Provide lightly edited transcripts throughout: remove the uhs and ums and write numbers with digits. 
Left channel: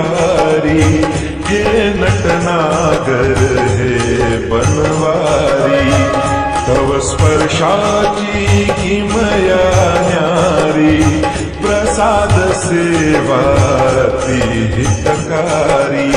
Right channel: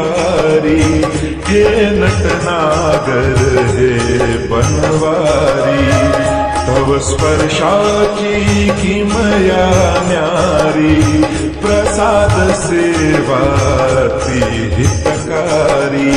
विहारी, हे नटनागर हे बनवारी, तव स्पर्शाची किमया न्यारी, प्रसाद सेवा ती हितकारी।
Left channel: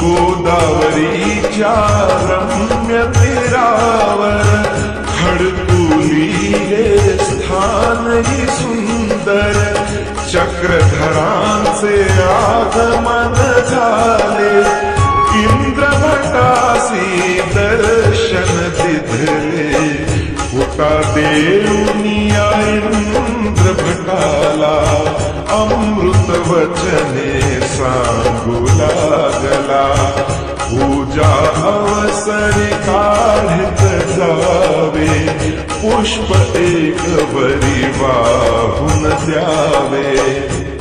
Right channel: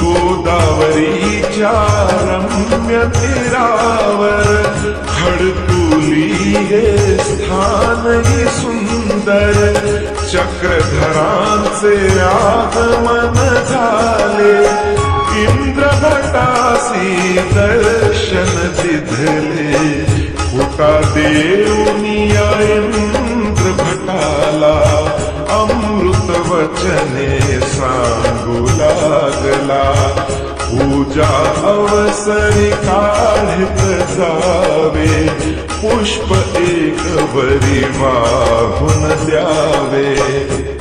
गोदावरीच्या रम्य तीरावर खडकुली हे स्थान ही सुंदर, चक्रधरांचे आगमन झाले, इंद्रभटासी दर्शन दिधले, फुटा देऊनिया इंद्र भटाला, अमृत वचने सांगू लागला, पूजा अवसरी काढित जावे, पुष्प एक बरी वाहून द्यावे,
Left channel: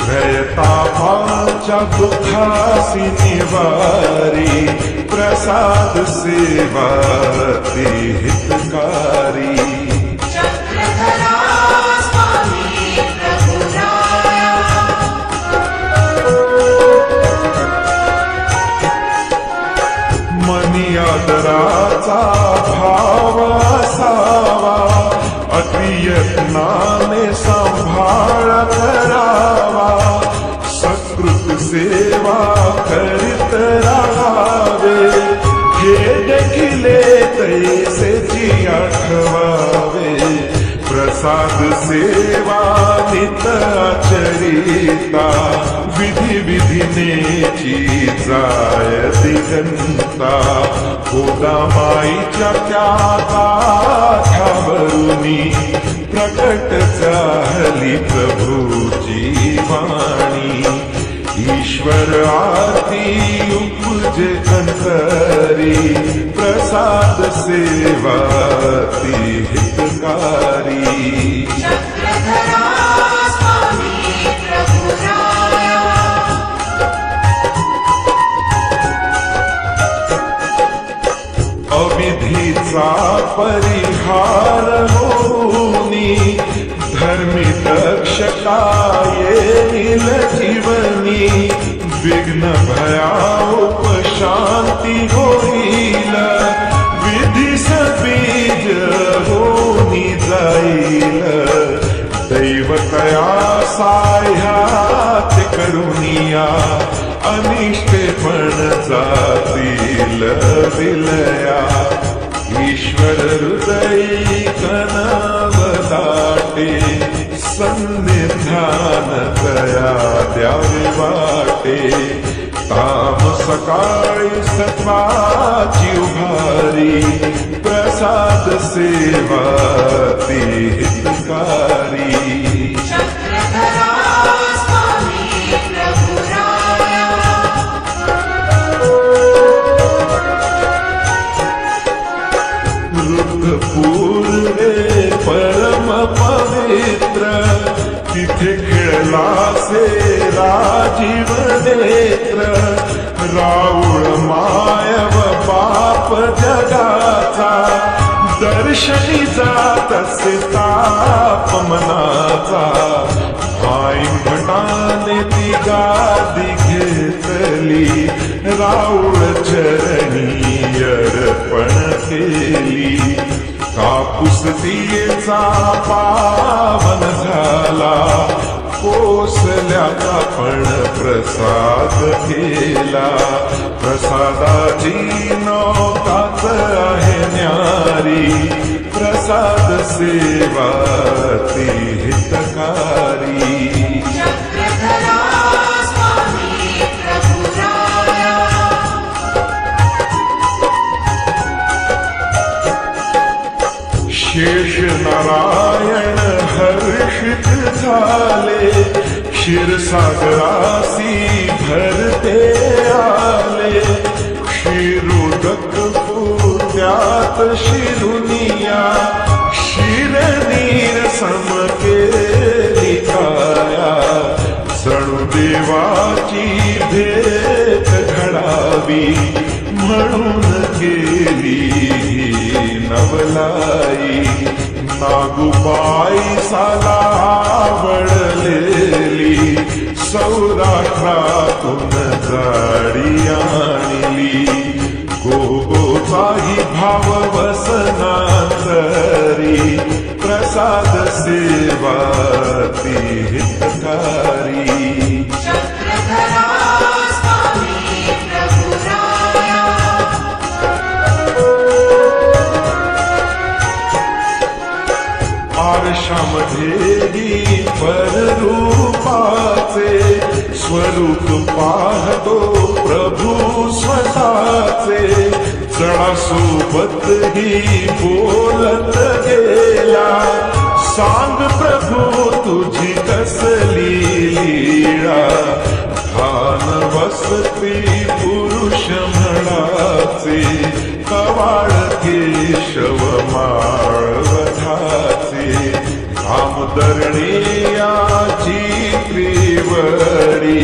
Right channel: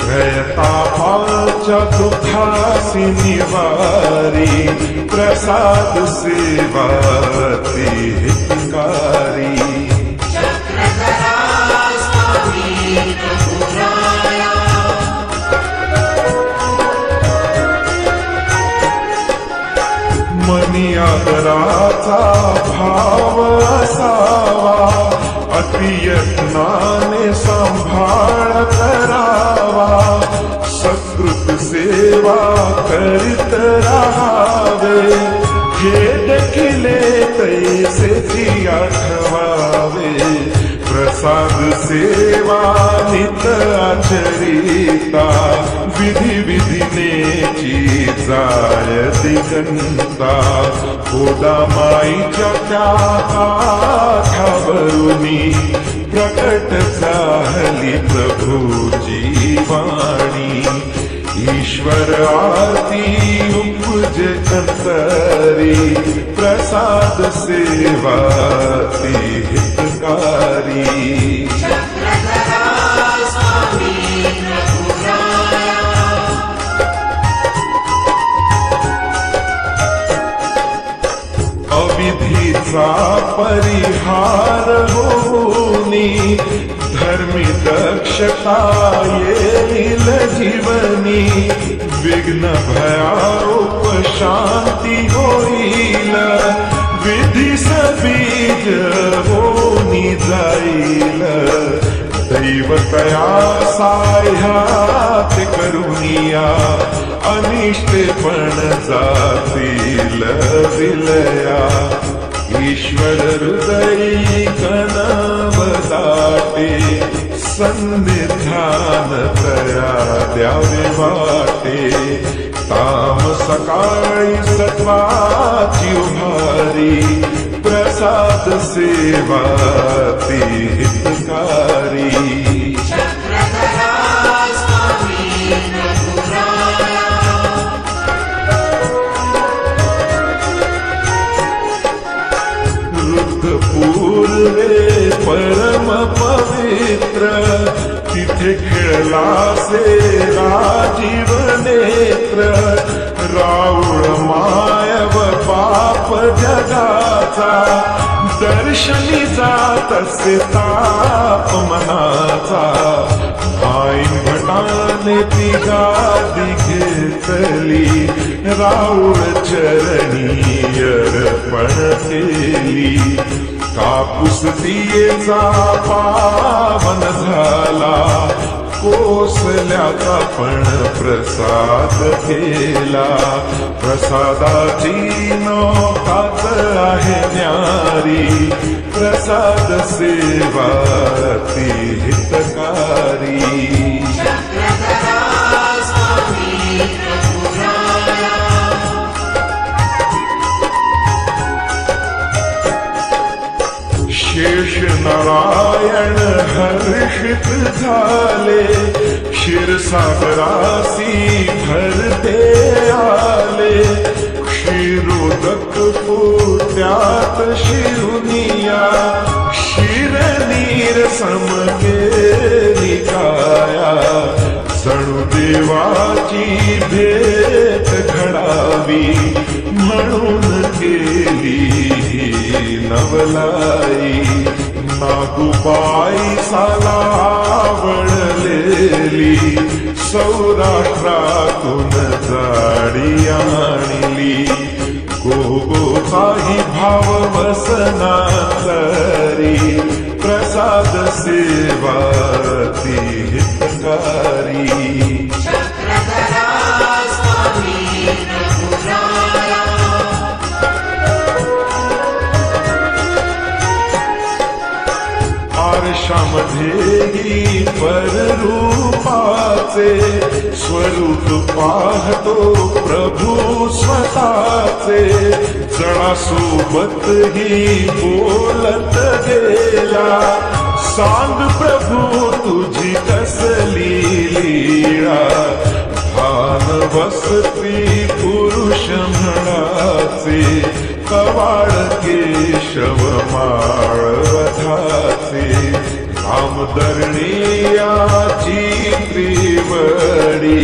त्रयतापाच्या दुखासी निवारी, प्रसाद सेवा ती हितकारी। मनी आदराचा भाव असावा, अतियत्नाने सांभाळ करावा, सकृत सेवा करीत राहावे, हे देखिले तैसेची आठवावे, प्रसाद सेवा नित आचरिता, विधी विधिनेची जाय दिगंता, गोदामाईच्या त्या काठावरुनी प्रकट झाली प्रभूची वाणी, ईश्वर आरती उपजे अंतरी, प्रसाद सेवा ती हितकारी। अविधीचा परिहार होनी, धर्मी दक्षता येईल जीवनी, विघ्न भया उपशांती होईल, विधीस बीज होनी जाईल, दैवतया साह्यात करुनिया, अनिष्टे पण जातील विलया, ईश्वर हृदयी कनव दाटे, सन्निधान तया द्यावे वाटे, ताम सकाळी सत्वाची उभारी, प्रसाद सेवा ती हितकारी। पूर्वे परम पवित्र, तिथे खेळलासे राजीव नेत्र, राऊळ मायव पाप जगाचा, दर्शनी जात असे ताप मनाचा, आईन भटाने ती गादी घेतली, राऊळ चरणी अर्पण केली, कापूस तियेचा पावन झाला, कोसल्याचा पण प्रसाद केला, प्रसादाची नौकाच आहे न्यारी, प्रसाद सेवा ती हितकारी। शेष नारायण हर्षित झाले, क्षीरसागरासी भरते आले, क्षीरोदक पोट्यात शिरुनिया, शिरनीर सम केली काया, जणू देवाची भेट घडावी म्हणून केली नवलाई नागुबाई साला आवडलेली सौराष्ट्रातून जाडी आणली गोगोचाही भाव वसनांतरी प्रसाद सेवा ती हितकारी आरशामध्येही पररूपाचे स्वरूप पाहतो प्रभू स्वतःचे जणासोबतही बोलत गेला सांग प्रभू तुझी कसली लीळा भान वसती पुरुष म्हणाचे कवाड केशव माळवधाचे धामधरणीयाची त्रिवडी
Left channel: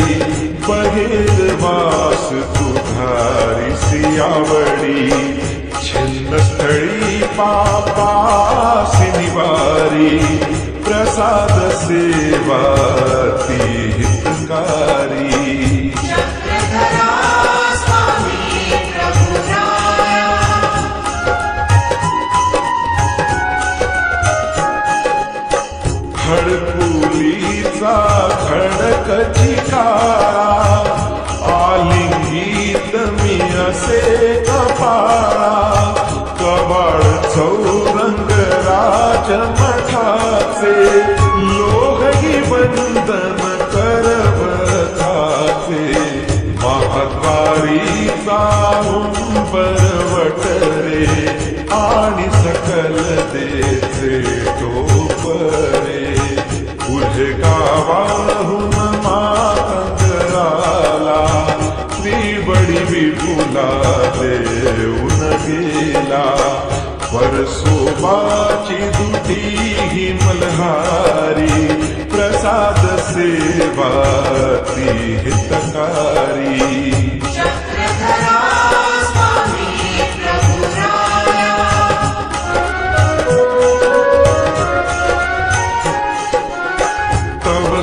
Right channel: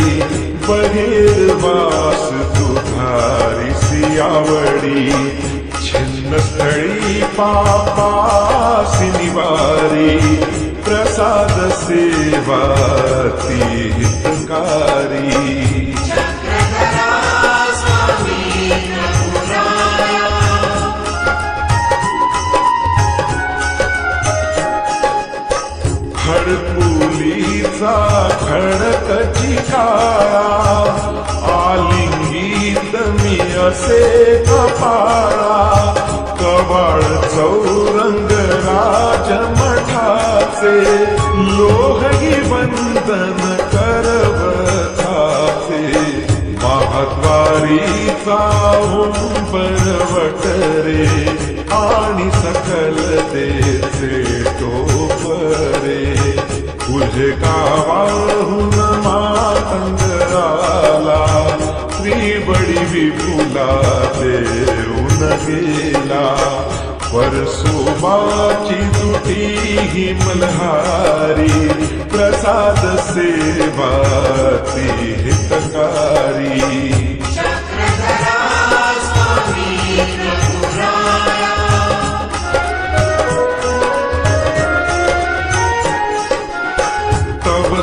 बहिर्वास तुधारिसी आवडी छिन्नस्थळी पापासी निवारी प्रसाद सेवा ती हितकारी खडकुलीचा खडकची काळा आलिंगीत मी असे कपाळा कवाळ चौरंग राजमठाचे लोहही वंदन करवताचे महाद्वारीचा उंबरवटरे आणि सकल देचे टोपरे पुढे गावाहून मातंग आला त्रिवडी विपुला देऊन गेला परसोबाची दुटी ही मल्हारी प्रसाद सेवा ती हितकारी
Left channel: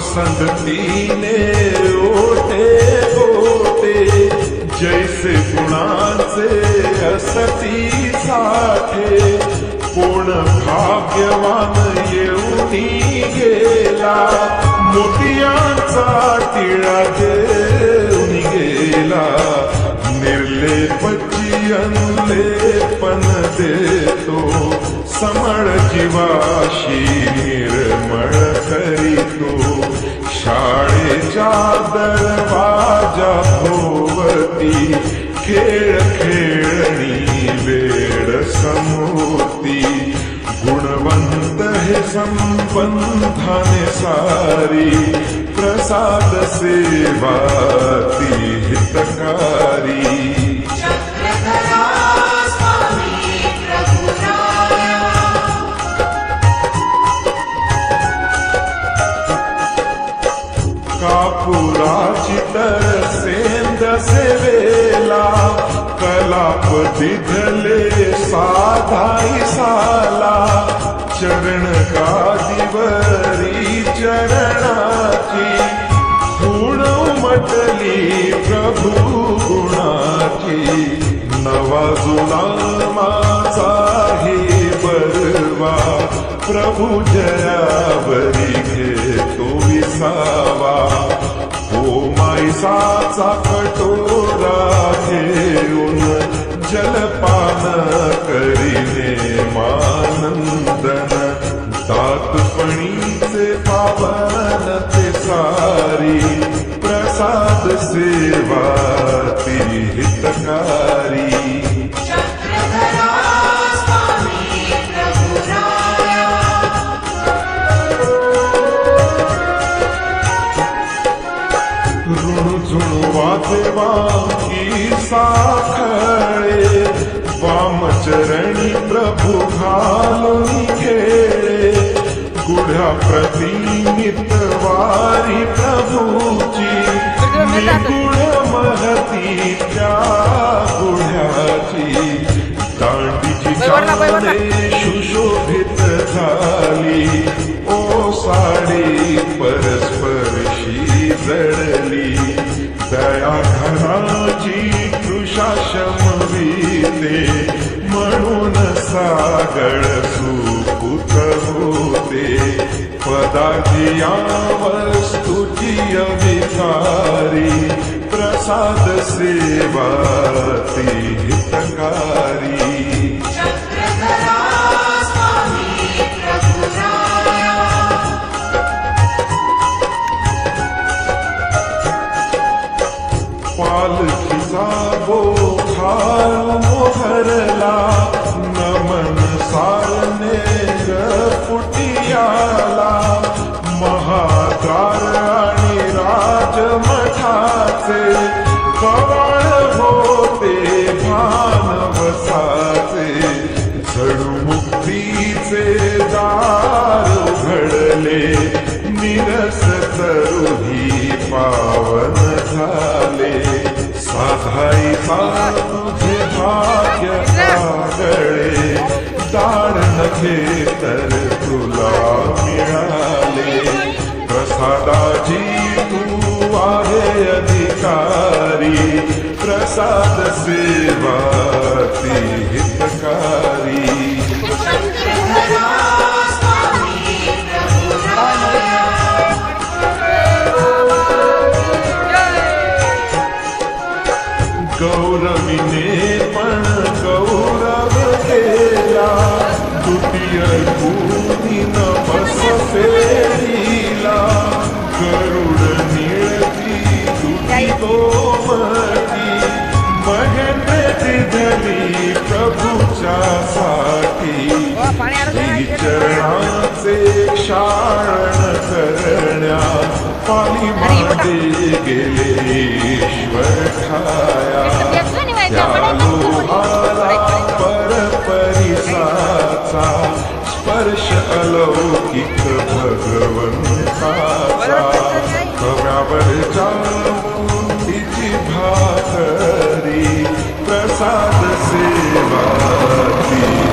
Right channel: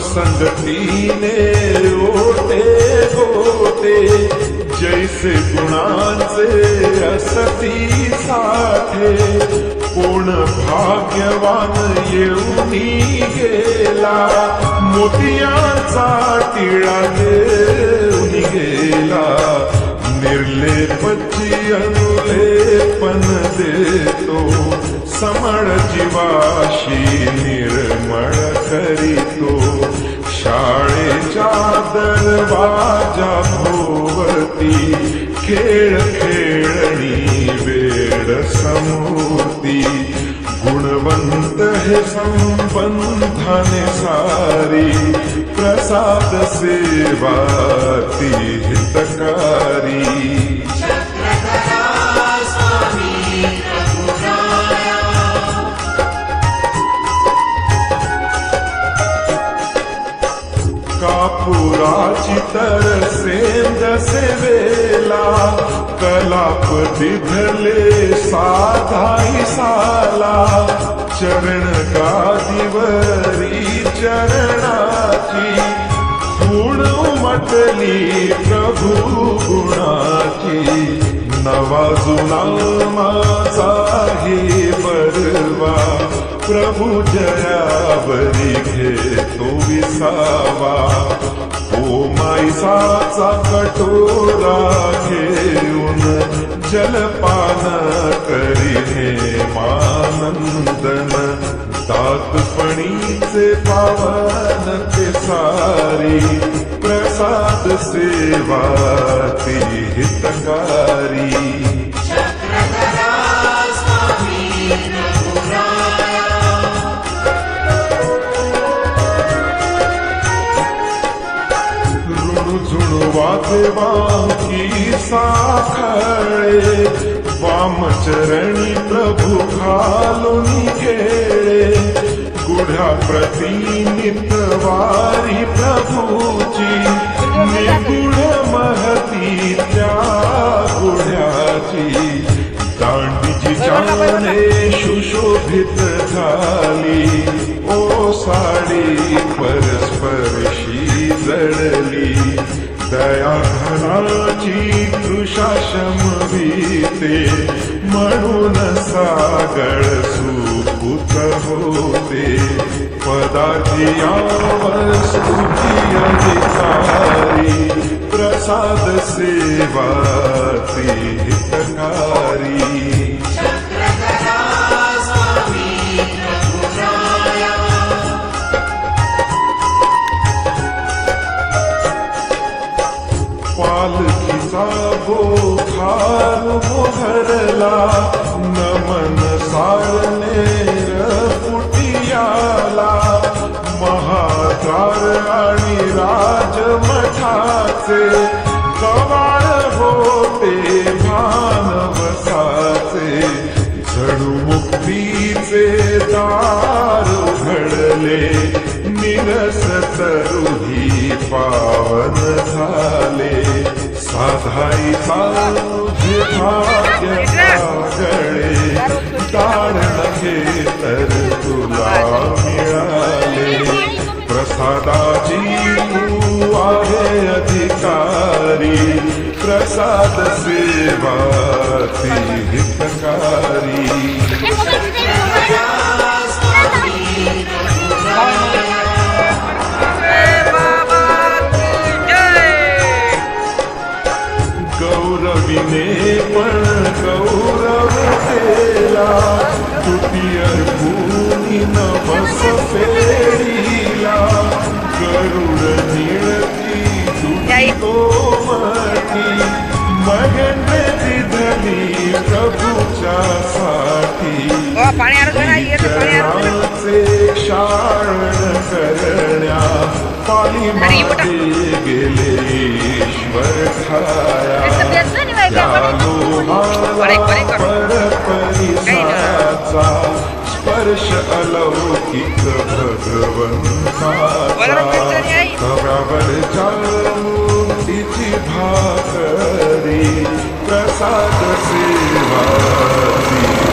संगतीने ओटे गोटे जैसे गुणांचे असती साठे कोण भाग्यवान येऊनी गेला मोतियांचा टिळा देऊन गेला निर्लेपची अनुलेपन देतो समळ जीवाशी निर्मळ करीतो शाळेच्या दरवाजा भोवती खेळ खेळणी वेळ समूर्ती गुणवंत हे संबंधाने सारी प्रसाद सेवा ती हितकारी कापुराची तर सेंद सेवेला कलाप दिधले साधाई साला चरण गादीवरी चरणाची गुण उमटली प्रभू गुणाची नवा जुना माझाही बरवा प्रभू जयावरी घेतो विसावा ओ माईसाचा कटोरा घेऊन जलपान करीने मानंदन दातपणीचे पावन ते सारी प्रसाद सेवा ती हितकारी झुणवाचे वांकी साखळे वामचरणी प्रभु घालून खेळे गुढ्या प्रतिनित वारी प्रभूची निगुढ महती त्या गुढ्याची दांडीची तिच्याने सुशोभित झाली ओ साडी परस्परशी जडली दया घनाची कृषा शमविते म्हणून सागळ सुपूत होते पदार्थी या वस्तुची अधिकारी प्रसाद सेवा ती हितकारी पालखीचा बोखार मोहरला नमन सारनेर फुटियाला महाद्वार आणि राजमठाचे कवाड होते भानवसाचे जणू मुक्तीचे दार उघडले निरस तरुही पावन झाले साधाईचा तुझे भाग्य आगळे दाड नखे तर तुला मिळाले प्रसादाची तू आहे अधिकारी प्रसाद सेवा ती हितकारी गौरवीने पण गौरव केला द्वितीय कुणी नवस फेरीला गरुड निळती दुटी कोमटी महेंद्र दिधली प्रभूच्या साठी चरणाचे क्षाळण करण्या पाली मागे गेले ईश्वर ठाया त्या लोहाला परपरिसाचा स्पर्श अलौकिक भगवंताचा कव्यावरच्या मूर्तीची भाकरी प्रसाद सेवा ती